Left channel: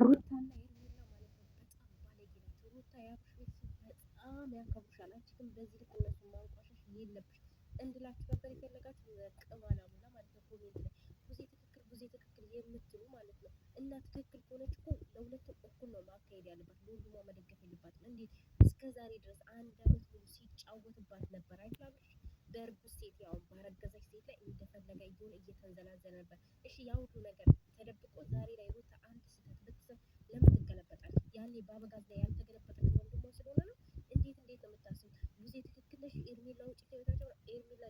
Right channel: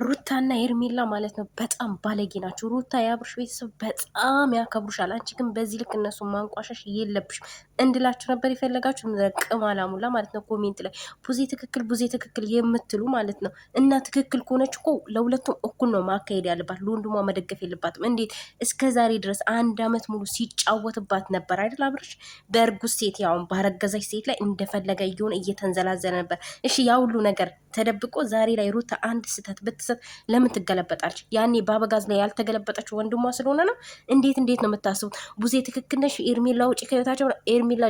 ሩታና ኤርሜላ ማለት ነው በጣም ባለጌ ናቸው። ሩታ የአብርሽ ቤተሰብ በጣም ያከብሩሻል። አንቺ ግን በዚህ ልክ እነሱ ማንቋሸሽ የለብሽም እንድላችሁ ነበር የፈለጋችሁ። ቅም አላሙላ ማለት ነው። ኮሜንት ላይ ቡዜ ትክክል የምትሉ ማለት ነው። እና ትክክል ከሆነች እኮ ለሁለቱም እኩል ነው ማካሄድ ያለባት። ለወንድሟ መደገፍ የለባትም። እንዴት እስከ ዛሬ ድረስ 1 አመት ሙሉ ሲጫወትባት ነበር አይደል? አብርሽ በእርጉዝ ሴት ያውን ባረገዛች ሴት ላይ እንደፈለገ እየሆነ እየተንዘላዘለ ነበር። እሺ ያ ሁሉ ነገር ተደብቆ ዛሬ ላይ ሩታ አንድ ስህተት ብትሰጥ ለምን ትገለበጣለች? ያኔ በአበጋዝ ላይ ያልተገለበጠችው ወንድሟ ስለሆነ ነው። እንዴት ነው የምታስቡት? ቡዜ ትክክል ነሽ፣ ኤርሜላ ውጭ ከህይወታቸው። ኤርሜላ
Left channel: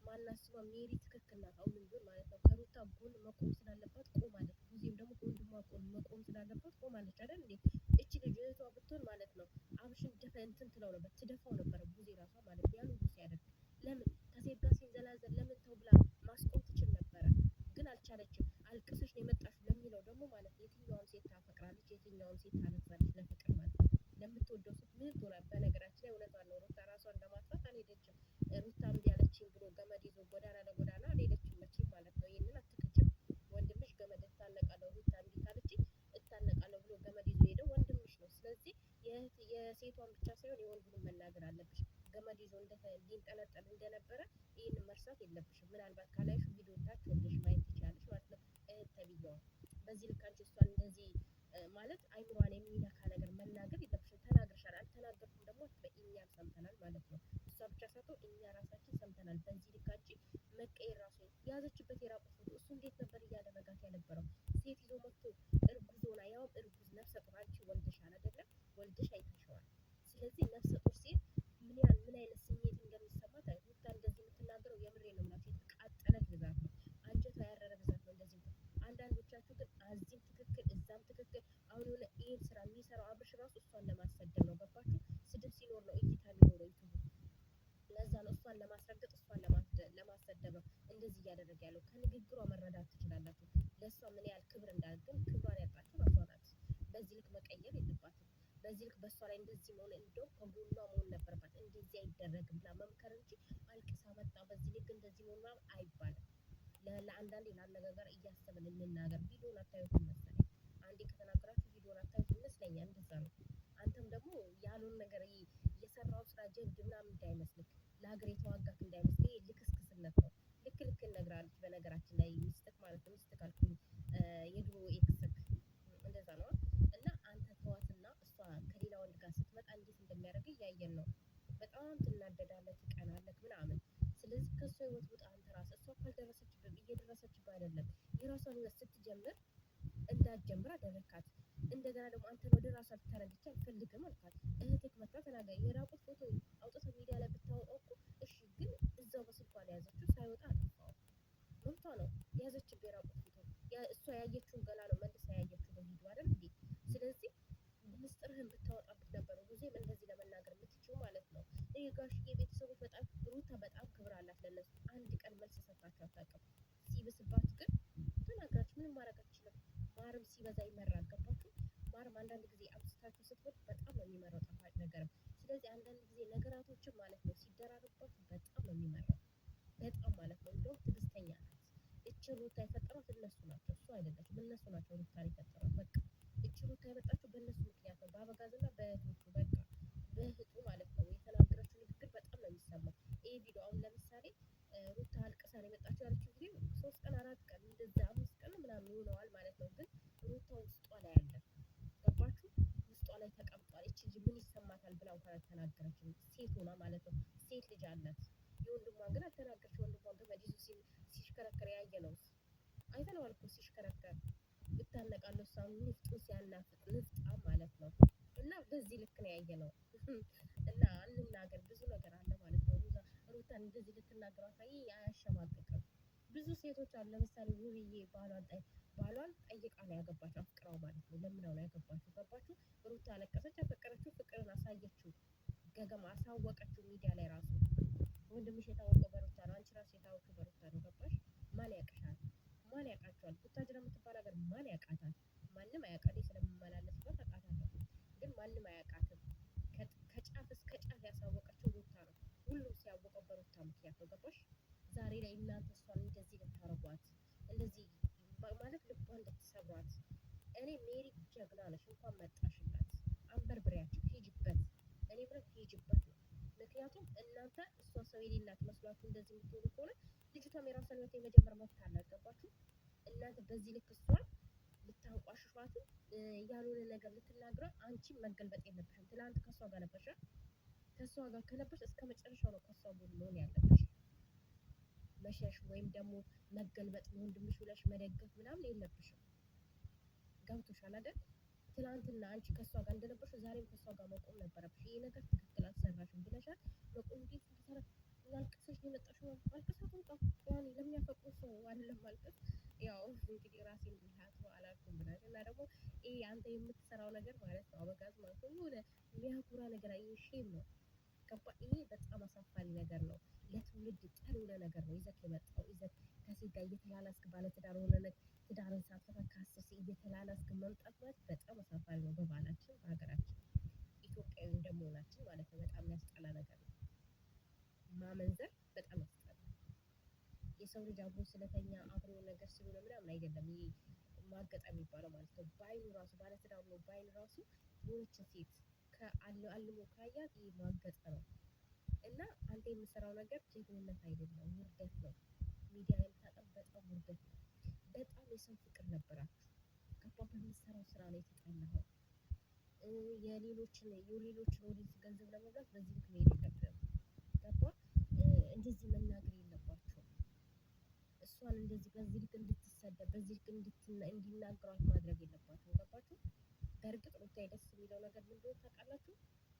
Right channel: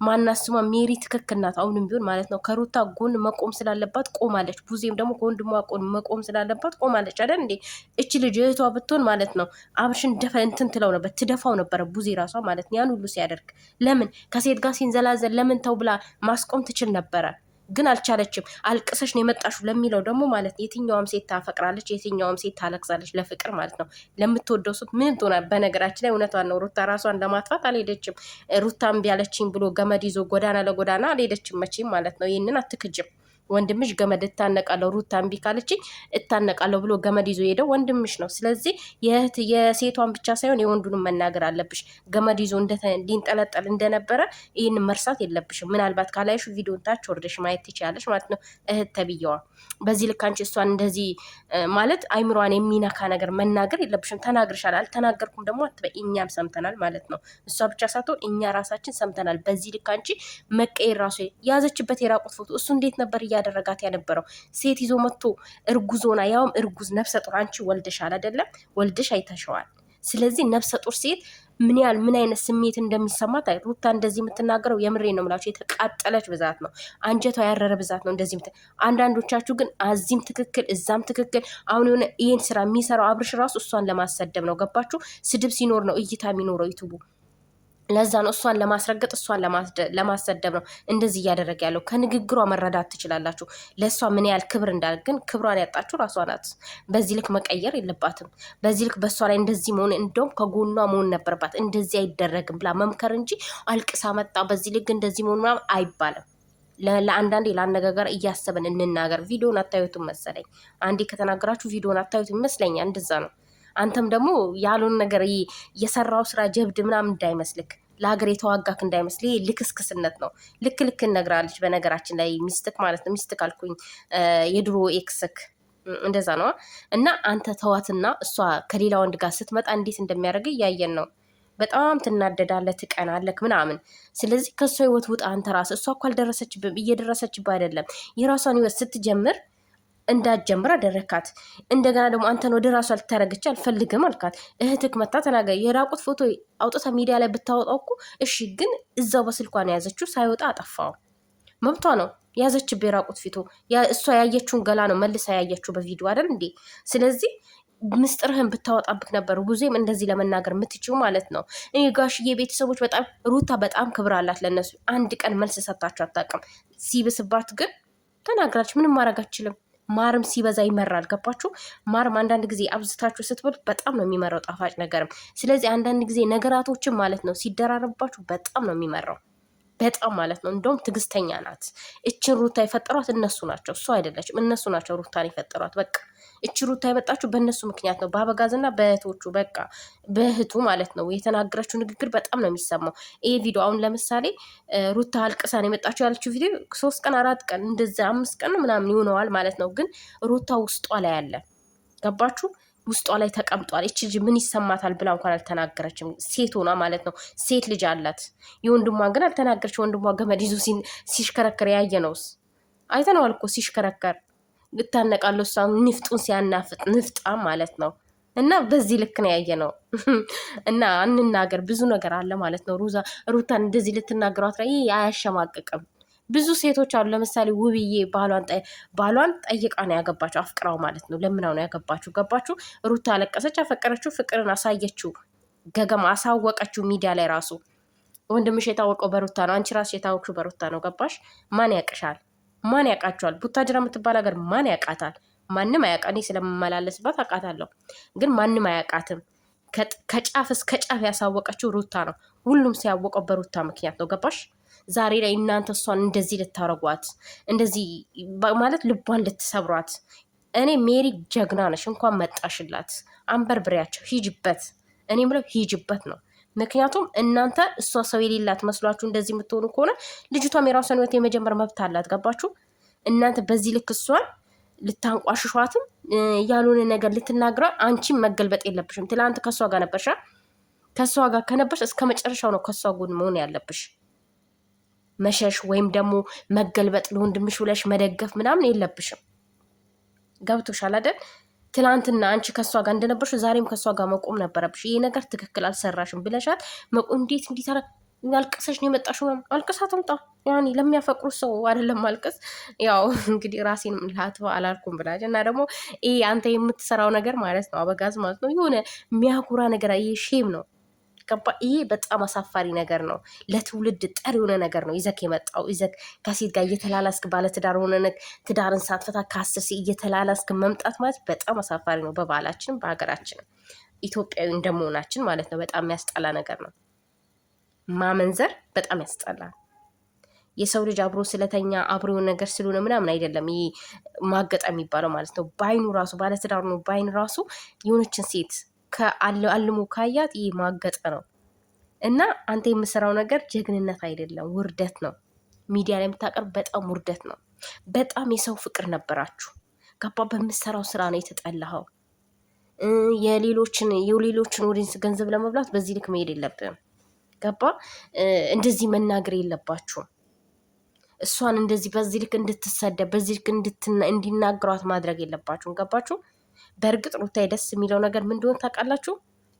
ማናስሟ ሜሪ ትክክል ናት። አሁንም ቢሆን ማለት ነው ከሩታ ጎን መቆም ስላለባት ቆማለች። ቡዜም ደግሞ ከወንድሟ ጎን መቆም ስላለባት ቆማለች አይደል እንዴ? እቺ ልጅ እህቷ ብትሆን ማለት ነው አብርሽን እንትን ትለው ነበር፣ ትደፋው ነበረ ቡዜ ራሷ ማለት ነው። ያን ሁሉ ሲያደርግ ለምን ከሴት ጋር ሲንዘላዘል ለምን ተው ብላ ማስቆም ትችል ነበረ። ግን አልቻለችም። አልቅሰሽ ነው የመጣሹ ለሚለው ደግሞ ማለት የትኛውም ሴት ታፈቅራለች፣ የትኛውም ሴት ታለቅሳለች ለፍቅር ማለት ነው። ለምትወደው ሱት ምን ትሆናል? በነገራችን ላይ እውነቷን ነው። ሩታ ራሷን ለማጥፋት አልሄደችም። ሩታ እምቢ አለችኝ ብሎ ገመድ ይዞ ጎዳና ለጎዳና አልሄደችም መቼም ማለት ነው። ይህንን አትክጅም። ወንድምሽ ገመድ እታነቃለሁ ሩታ እምቢ ካለችኝ እታነቃለሁ ብሎ ገመድ ይዞ ሄደው ወንድምሽ ነው። ስለዚህ የሴቷን ብቻ ሳይሆን የወንዱንም መናገር አለብሽ። ገመድ ይዞ እንዲንጠለጠል እንደነበረ ይህን መርሳት የለብሽም። ምናልባት ካላይሹ ቪዲዮን ታች ወርደሽ ማየት ትችላለሽ ማለት ነው። እህት ተብዬዋ በዚህ ልክ አንቺ እሷን እንደዚህ ማለት አይምሯን የሚነካ ነገር መናገር የለብሽም። ተናግርሻል። አልተናገርኩም ደግሞ አትበይ። እኛም ሰምተናል ማለት ነው። እሷ ብቻ ሳትሆን እኛ ራሳችን ሰምተናል። በዚህ ልክ አንቺ መቀየር ራሱ ያዘችበት የራቁት ፎቶ እሱ እንዴት ነበር እያደረጋት የነበረው? ሴት ይዞ መጥቶ እርጉዞና ያውም እርጉዝ ነፍሰ ጡር። አንቺ ወልደሻል አይደለም? ወልደሽ አይተሸዋል። ስለዚህ ነፍሰ ጡር ሴት ምን አይነት ስሜት እንደሚሰማት ሩታ እንደዚህ የምትናገረው የምሬ ነው የምላችሁ። የተቃጠለች ብዛት ነው፣ አንጀቷ ያረረ ብዛት ነው እንደዚህ አንዳንዶቻችሁ ግን አዚህም ትክክል እዛም ትክክል። አሁን የሆነ ይህን ስራ የሚሰራው አብርሽ ራሱ እሷን ለማሰደብ ነው። ገባችሁ? ስድብ ሲኖር ነው እይታ የሚኖረው ዩቱቡ። ለዛ ነው እሷን ለማስረገጥ እሷን ለማሰደብ ነው እንደዚህ እያደረገ ያለው። ከንግግሯ መረዳት ትችላላችሁ ለእሷ ምን ያህል ክብር እንዳለ። ግን ክብሯን ያጣችሁ ራሷ ናት። በዚህ ልክ መቀየር የለባትም። በዚህ ልክ በእሷ ላይ እንደዚህ መሆን እንደውም ከጎኗ መሆን ነበረባት። እንደዚህ አይደረግም ብላ መምከር እንጂ አልቅሳ መጣ በዚህ ልክ እንደዚህ መሆን ምናምን አይባልም። ለአንዳንዴ ለአነጋገር እያሰብን እንናገር። ቪዲዮን አታዩትም መሰለኝ። አንዴ ከተናገራችሁ ቪዲዮን አታዩትም ይመስለኛል። እንደዛ ነው። አንተም ደግሞ ያሉን ነገር የሰራው ስራ ጀብድ ምናምን እንዳይመስልክ፣ ለሀገር የተዋጋክ እንዳይመስል። ይሄ ልክስክስነት ነው። ልክ እነግራለች። በነገራችን ላይ ሚስትክ ማለት ነው። ሚስትክ አልኩኝ፣ የድሮ ኤክስክ እንደዛ ነው። እና አንተ ተዋትና እሷ ከሌላ ወንድ ጋር ስትመጣ እንዴት እንደሚያደርግ እያየን ነው። በጣም ትናደዳለህ፣ ትቀናለህ ምናምን። ስለዚህ ከእሷ ህይወት ውጣ አንተ ራስህ። እሷ እኮ አልደረሰችብህም፣ እየደረሰችብህ አይደለም። የራሷን ህይወት ስትጀምር እንዳትጀምር አደረካት። እንደገና ደግሞ አንተን ወደ ራሷ ልታረገች አልፈልግም አልካት። እህትክ መታ ተናገር። የራቁት ፎቶ አውጥታ ሚዲያ ላይ ብታወጣው እኮ እሺ፣ ግን እዛው በስልኳን የያዘችው ሳይወጣ አጠፋው። መብቷ ነው። ያዘችበት የራቁት ፊቶ እሷ ያየችውን ገላ ነው መልሳ ያየችው በቪዲዮ አይደል እንዴ? ስለዚህ ምስጥርህን ብታወጣብክ ነበር ቡዜም እንደዚህ ለመናገር የምትችው ማለት ነው። እኔ ጋሽዬ ቤተሰቦች በጣም ሩታ በጣም ክብር አላት ለነሱ። አንድ ቀን መልስ ሰጣችሁ አታውቅም። ሲብስባት ግን ተናግራች። ምንም ማድረግ አችልም። ማርም ሲበዛ ይመራል። ገባችሁ? ማርም አንዳንድ ጊዜ አብዝታችሁ ስትበሉት በጣም ነው የሚመራው፣ ጣፋጭ ነገርም። ስለዚህ አንዳንድ ጊዜ ነገራቶችን ማለት ነው ሲደራረባችሁ በጣም ነው የሚመራው። በጣም ማለት ነው። እንደውም ትዕግስተኛ ናት። እችን ሩታ የፈጠሯት እነሱ ናቸው፣ እሱ አይደለችም። እነሱ ናቸው ሩታን የፈጠሯት። በቃ እች ሩታ የመጣችሁ በእነሱ ምክንያት ነው፣ በአበጋዝና በእህቶቹ። በቃ በእህቱ ማለት ነው። የተናገረችው ንግግር በጣም ነው የሚሰማው። ይሄ ቪዲዮ አሁን ለምሳሌ ሩታ አልቅሳን የመጣችሁ ያለችው ቪዲዮ 3 ቀን 4 ቀን እንደዚ 5 ቀን ምናምን ይሆነዋል ማለት ነው። ግን ሩታ ውስጧ ላይ አለ። ገባችሁ? ውስጧ ላይ ተቀምጧል። እቺ ልጅ ምን ይሰማታል ብላ እንኳን አልተናገረችም። ሴት ሆና ማለት ነው። ሴት ልጅ አላት። የወንድሟን ግን አልተናገረች። ወንድሟ ገመድ ይዞ ሲሽከረከር ያየ ነውስ አይተነዋል እኮ ሲሽከረከር ልታነቃለሁ። እሷ ንፍጡን ሲያናፍጥ ንፍጣም ማለት ነው። እና በዚህ ልክ ነው ያየ ነው። እና እንናገር ብዙ ነገር አለ ማለት ነው። ሩታን እንደዚህ ልትናገሯት ላይ አያሸማቅቅም። ብዙ ሴቶች አሉ። ለምሳሌ ውብዬ ባሏን ጠይቃ ነው ያገባችው፣ አፍቅራው ማለት ነው። ለምናው ነው ያገባችው። ገባችሁ? ሩታ አለቀሰች፣ አፈቀረችው፣ ፍቅርን አሳየችው፣ ገገማ አሳወቀችው ሚዲያ ላይ ራሱ። ወንድምሽ የታወቀው በሩታ ነው፣ አንቺ ራስሽ የታወቅሽው በሩታ ነው። ገባሽ? ማን ያቅሻል? ማን ያውቃቸዋል? ቡታጅራ የምትባል ሀገር ማን ያውቃታል? ማንም አያውቃ። እኔ ስለምመላለስባት አውቃታለሁ፣ ግን ማንም አያውቃትም። ከጫፍ እስከ ጫፍ ያሳወቀችው ሩታ ነው። ሁሉም ሲያወቀው በሩታ ምክንያት ነው። ገባሽ? ዛሬ ላይ እናንተ እሷን እንደዚህ ልታረጓት፣ እንደዚህ ማለት ልቧን ልትሰብሯት፣ እኔ ሜሪ ጀግና ነሽ፣ እንኳን መጣሽላት። አንበርብሪያቸው፣ ሂጅበት። እኔ ብለው ሂጅበት ነው። ምክንያቱም እናንተ እሷ ሰው የሌላት መስሏችሁ እንደዚህ የምትሆኑ ከሆነ ልጅቷም የራሷን ህይወት የመጀመር መብት አላት። ገባችሁ? እናንተ በዚህ ልክ እሷን ልታንቋሽሿትም ያልሆነ ነገር ልትናግራ፣ አንቺም መገልበጥ የለብሽም። ትላንት ከእሷ ጋር ነበርሻ። ከእሷ ጋር ከነበርሽ እስከ መጨረሻው ነው ከእሷ ጎን መሆን ያለብሽ። መሸሽ ወይም ደግሞ መገልበጥ ለወንድምሽ ብለሽ መደገፍ ምናምን የለብሽም። ገብቶሻል አይደል? ትላንትና አንቺ ከእሷ ጋር እንደነበርሽ ዛሬም ከእሷ ጋር መቆም ነበረብሽ። ይሄ ነገር ትክክል አልሰራሽም ብለሻት መቆም እንዴት እንዲታረ አልቅሰሽ ነው የመጣሽው። አልቅሳ ትምጣ። ያኔ ለሚያፈቅሩ ሰው አይደለም ማልቀስ። ያው እንግዲህ ራሴን ላትባ አላልኩም ብላች እና ደግሞ ይሄ አንተ የምትሰራው ነገር ማለት ነው አበጋዝ ማለት ነው የሆነ የሚያኩራ ነገር። ይሄ ሼም ነው። ገባ? ይሄ በጣም አሳፋሪ ነገር ነው። ለትውልድ ጠር የሆነ ነገር ነው ይዘክ የመጣው። ይዘክ ከሴት ጋር እየተላላስክ ባለትዳር ሆነ ትዳርን ሳትፈታ ከአስር እየተላላስክ መምጣት ማለት በጣም አሳፋሪ ነው። በባህላችንም በሀገራችንም ኢትዮጵያዊ እንደመሆናችን ማለት ነው። በጣም የሚያስጠላ ነገር ነው። ማመንዘር በጣም ያስጠላል። የሰው ልጅ አብሮ ስለተኛ አብሮ ነገር ስለሆነ ምናምን አይደለም ይሄ ማገጠ የሚባለው ማለት ነው። በአይኑ ራሱ ባለትዳር ነው በአይኑ ራሱ የሆነችን ሴት ከአልሞ ካያት ይህ ማገጠ ነው። እና አንተ የምሰራው ነገር ጀግንነት አይደለም፣ ውርደት ነው። ሚዲያ ላይ የምታቀርብ በጣም ውርደት ነው። በጣም የሰው ፍቅር ነበራችሁ። ገባ? በምሰራው ስራ ነው የተጠላኸው። የሌሎችን ወዲንስ ገንዘብ ለመብላት በዚህ ልክ መሄድ የለብም። ገባ? እንደዚህ መናገር የለባችሁም። እሷን እንደዚህ በዚህ ልክ እንድትሰደብ በዚህ ልክ እንዲናገሯት ማድረግ የለባችሁም። ገባችሁ? በእርግጥ ሩታዬ ደስ የሚለው ነገር ምን እንደሆነ ታውቃላችሁ?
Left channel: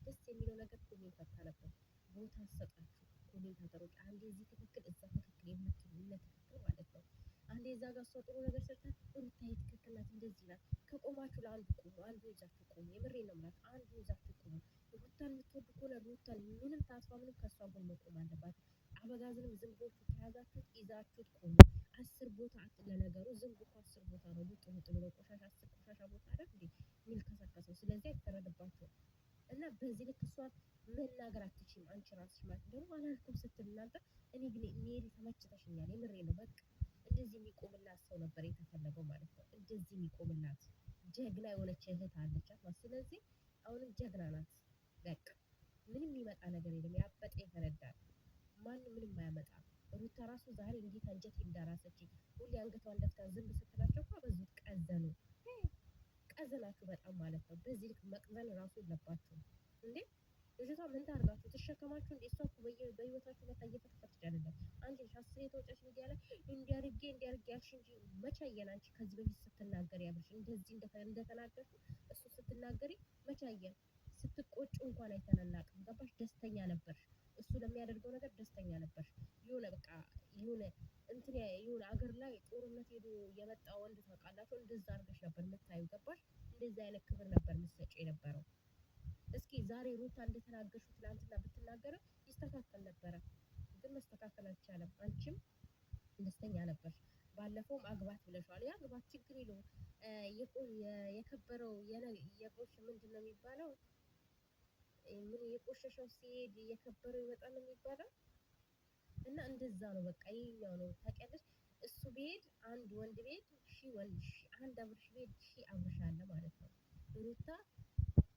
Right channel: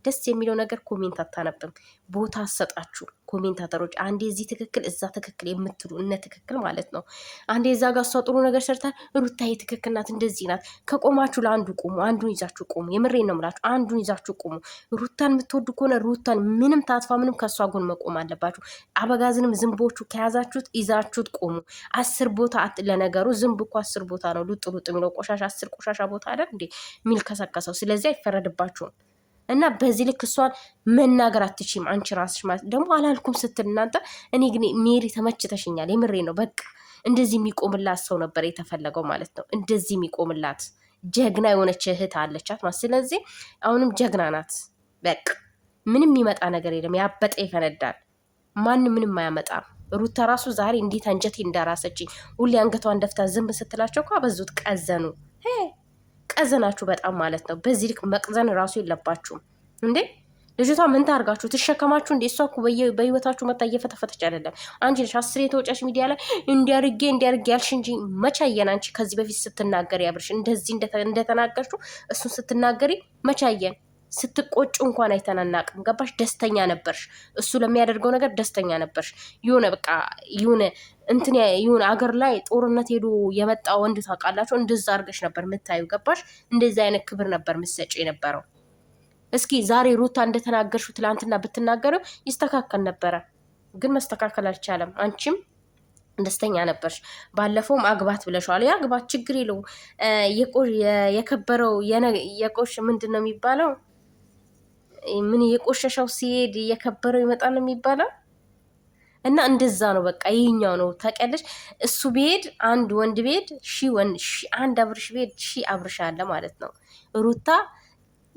ደስ የሚለው ነገር ኮሜንት አታነብም፣ ቦታ አሰጣችሁ ኮሜንታተሮች። አንዴ እዚህ ትክክል እዛ ትክክል የምትሉ እነ ትክክል ማለት ነው። አንዴ እዛ ጋር እሷ ጥሩ ነገር ሰርታ ሩታዬ ትክክል ናት እንደዚህ ናት። ከቆማችሁ ለአንዱ ቁሙ፣ አንዱን ይዛችሁ ቁሙ። የምሬን ነው የምላችሁ፣ አንዱን ይዛችሁ ቁሙ። ሩታን የምትወዱ ከሆነ ሩታን ምንም ታጥፋ ምንም ከእሷ ጎን መቆም አለባችሁ። አበጋዝንም ዝንቦቹ ከያዛችሁት ይዛችሁት ቁሙ። 10 ቦታ ለነገሩ ዝንብ እኮ 10 ቦታ ነው ሉጥ ሉጥ የሚለው ቆሻሻ 10 ቆሻሻ ቦታ አይደል እንዴ የሚል ከሰከሰው። ስለዚህ አይፈረድባችሁም። እና በዚህ ልክ እሷን መናገር አትችም። አንቺ ራስሽ ማለት ደግሞ አላልኩም ስትል እናንተ። እኔ ግን ሜሪ ተመችተሽኛል፣ የምሬ ነው። በቃ እንደዚህ የሚቆምላት ሰው ነበር የተፈለገው ማለት ነው። እንደዚህ የሚቆምላት ጀግና የሆነች እህት አለቻት ማለት። ስለዚህ አሁንም ጀግና ናት። በቃ ምንም የሚመጣ ነገር የለም። ያበጠ ይፈነዳል። ማንም ምንም አያመጣም። ሩታ ራሱ ዛሬ እንዴት አንጀቴ እንዳራሰችኝ። ሁሌ አንገቷን ደፍታ ዝም ስትላቸው እኮ በዙት ቀዘኑ። ቀዘናችሁ በጣም ማለት ነው። በዚህ ልክ መቅዘን ራሱ የለባችሁም እንዴ። ልጅቷ ምን ታርጋችሁ ትሸከማችሁ እንዴ? እሷ እኮ በህይወታችሁ መታ እየፈተፈተች አይደለም። አንቺ ነሽ 10 የተወጫሽ ሚዲያ ላይ እንዲያርጌ ያልሽ እንጂ መቻየን። አንቺ ከዚህ በፊት ስትናገሪ ያብርሽ እንደዚህ እንደተናገርሽው እሱን ስትናገሪ መቻየን። ስትቆጩ እንኳን አይተናናቅም። ገባሽ? ደስተኛ ነበርሽ። እሱ ለሚያደርገው ነገር ደስተኛ ነበርሽ። የሆነ በቃ የሆነ አገር ላይ ጦርነት ሄዶ የመጣ ወንድ ታውቃላችሁ፣ እንደዛ አድርገሽ ነበር የምታዩ። ገባሽ? እንደዚህ አይነት ክብር ነበር ምሰጭ የነበረው። እስኪ ዛሬ ሩታ እንደተናገርሽው ትላንትና ብትናገረው ይስተካከል ነበረ፣ ግን መስተካከል አልቻለም። አንቺም ደስተኛ ነበርሽ። ባለፈውም አግባት ብለሽዋል። የአግባት ችግር የለው። የከበረው የቆሽ ምንድን ነው የሚባለው? ምን የቆሸሸው ሲሄድ የከበረው ይመጣል ነው የሚባለው። እና እንደዛ ነው በቃ ይህኛው ነው ታውቂያለሽ። እሱ ቤድ አንድ ወንድ ቤድ አንድ አብርሽ ቤድ አብርሽ አለ ማለት ነው። ሩታ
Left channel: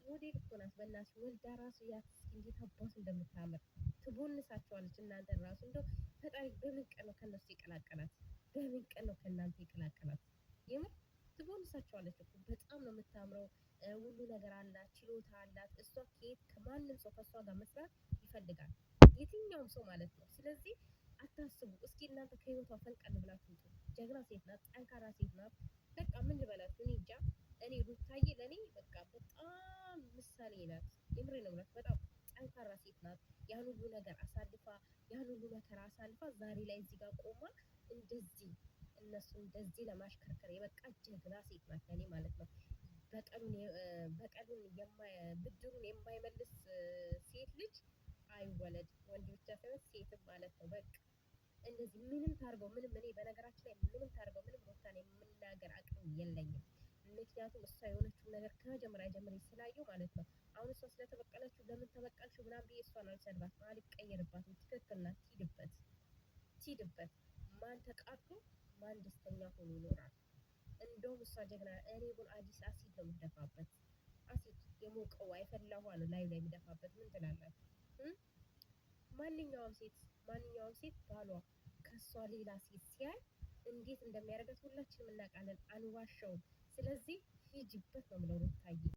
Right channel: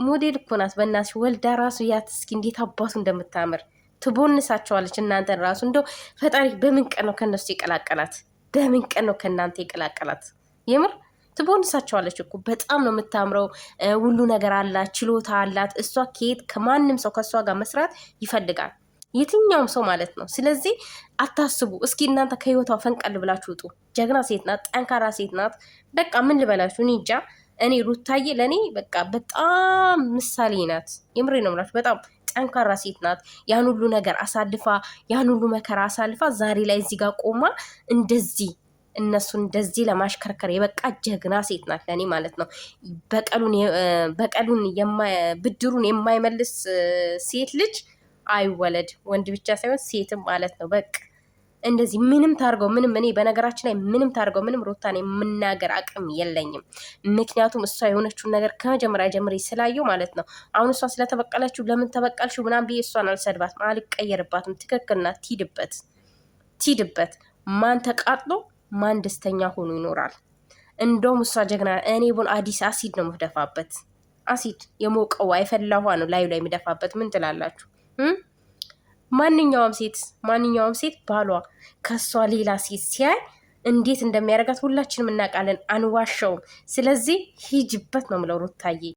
ሞዴል እኮ ናት። በእናትሽ ወልዳ ራሱ ያት እስኪ እንዴት አባቱ እንደምታምር ትቦንሳቸዋለች። እናንተን ራሱ እንደው ፈጣሪ በምን ቀን ነው ከነሱ የቀላቀላት? በምን ቀን ነው ከእናንተ የቀላቀላት? የምር ትቦንሳቸዋለች እኮ። በጣም ነው የምታምረው። ሁሉ ነገር አላት፣ ችሎታ አላት። እሷ ከየት ከማንም ሰው ከእሷ ጋር መስራት ይፈልጋል የትኛውም ሰው ማለት ነው። ስለዚህ አታስቡ። እስኪ እናንተ ከህይወቷ ፈንቀል ብላችሁ ውጡ። ጀግና ሴት ናት፣ ጠንካራ ሴት ናት። በቃ ምን ልበላችሁ እኔ እንጃ። እኔ ሩታዬ ለእኔ በቃ በጣም ምሳሌ ናት። የምሬ ነው የምላችሁ። በጣም ጠንካራ ሴት ናት። ያን ሁሉ ነገር አሳልፋ ያን ሁሉ መከራ አሳልፋ ዛሬ ላይ እዚህ ጋር ቆማ እንደዚህ እነሱን እንደዚህ ለማሽከርከር የበቃ ጀግና ሴት ናት ለእኔ ማለት ነው። በቀሉን ብድሩን የማይመልስ ሴት ልጅ አይወለድ። ወንድ ብቻ ሳይሆን ሴትም ማለት ነው። በቃ እንደዚህ ምንም ታርገው ምንም። እኔ በነገራችን ላይ ምንም ታርገው ምንም ሩታን የምናገር አቅም የለኝም። ምክንያቱም እሷ የሆነችውን ነገር ከመጀመሪያ ጀምሬ ስላየው ማለት ነው። አሁን እሷ ስለተበቀለችው ለምን ተበቀልሽው ምናምን ብዬ እሷን አልሰድባትም፣ አልቀየርባትም። ትክክል ናት። ትሂድበት። ማን ተቃጥሎ ማን ደስተኛ ሆኖ ይኖራል? እንደውም እሷ ጀግና። እኔ ቡን አዲስ አሲድ ነው የምደፋበት። አሲድ የሞቀው አይፈላ ውሃ ነው ላዩ ላይ የሚደፋበት። ምን ትላላችሁ? ማንኛውም ሴት ባሏ ከሷ ሌላ ሴት ሲያይ እንዴት እንደሚያደርጋት ሁላችንም እናውቃለን። አንዋሸውም። ስለዚህ ሂጅበት ነው የምለው ሩታዬ።